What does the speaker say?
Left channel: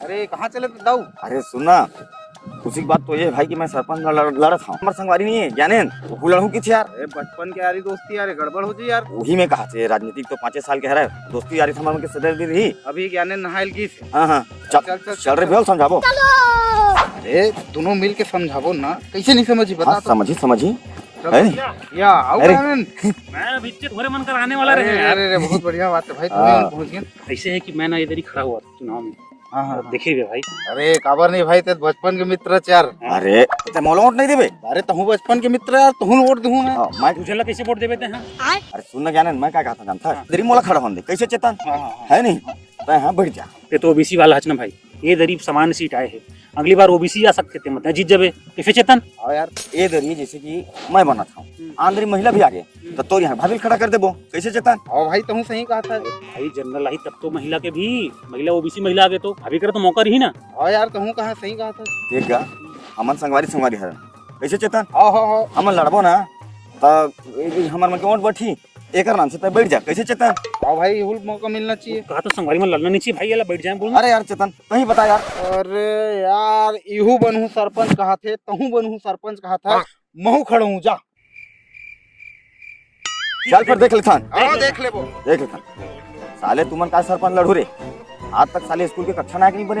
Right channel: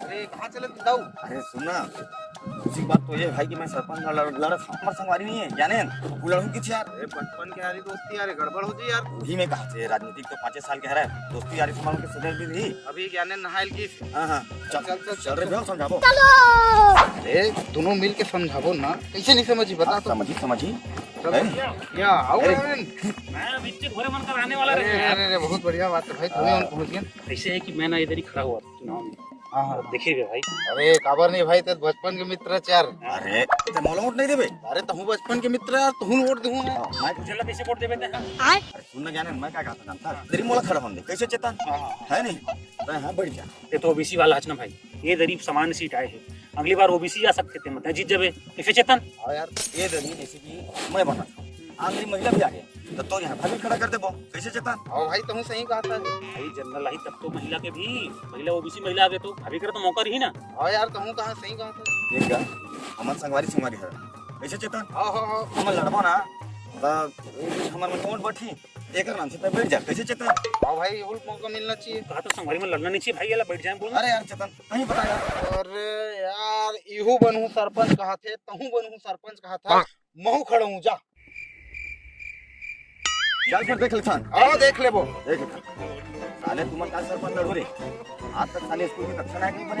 अरे कहाँ चले दाऊ? अरे सुनना, खुशी की बात तो ये भाई कि मैं सरपंच लड़ा था। हमारे संगवारी नहीं है जाने तो लड़ू की यार। अरे बचपन के यारी दोस्ती यार गड़बड़ हो जी यार। वही में कहा थे राजनीतिक तो 5 साल के है दोस्ती यारी हमारे के सदर दी रही। अभी ज्ञाने नहाइल की। हाँ चल रहे भेल समझाबो। अरे दोनों मिल के समझाबो ना, कैसे नहीं समझी बता तो। समझी या आओ अरे। मैं बीच थोड़े मन कर आने वाला अरे रहे। अरे बहुत बढ़िया बात है भाई, तुम्हें पहुंच गए। ऐसे है कि मैं ना इधर ही खड़ा हुआ था चुनाव में। हाँ देखिए भाई, अरे काबर नहीं भाई, ते बचपन के मित्र यार। अरे ते मोला वोट नहीं देबे। अरे तहु बचपन के मित्र यार, तहु वोट दूं मैं। मैं तुझे ला कैसे वोट देवे थे? अरे सुनना जाने मैं क्या कहता जानता है इधर मोला खड़ा होने दे कैसे चेतन है नहीं तो हाँ बढ़ जा। ये तो ओबीसी वाला है ना भाई, ये गरीब सामान्य सीट आए हैं, अगली बार ओबीसी आ सकते थे, मतलब जीत जावे कैसे चेतन। और यार ये दरिए जैसे कि मैं बना था आंध्री महिला भी आ गए तो तोर यहाँ भाभी खड़ा कर देबो कैसे चेतन। और भाई तहु सही कहा था भाई जनरल आई तब तो महिला के भी, महिला ओबीसी महिला आ गए तो भाभी करे तो मौका रही ना। और यार तहु कहा सही कहा था। देख क्या अमन संगवारी है कैसे चेतन। हाँ हमन लड़बो ना तब हमार मन के वोट बैठी एक नाम से बैठ जा कैसे चेतन। और भाई हुल मौका मिलना चाहिए। कहा तो संगवारी में लड़ना नहीं चाहिए भाई, ये बैठ जाए बोल। अरे यार चेतन कहीं बता यार। अरे यार इहू बनहू सरपंच कहा थे, तहु बनहू सरपंच कहा था, महू खड़ा हूँ जा। चल फिर देख लेता आओ देख ले वो। देख लेता साले तुमन का सरपंच लड़ू रे आज तक साले स्कूल के कक्षा ना नहीं बने।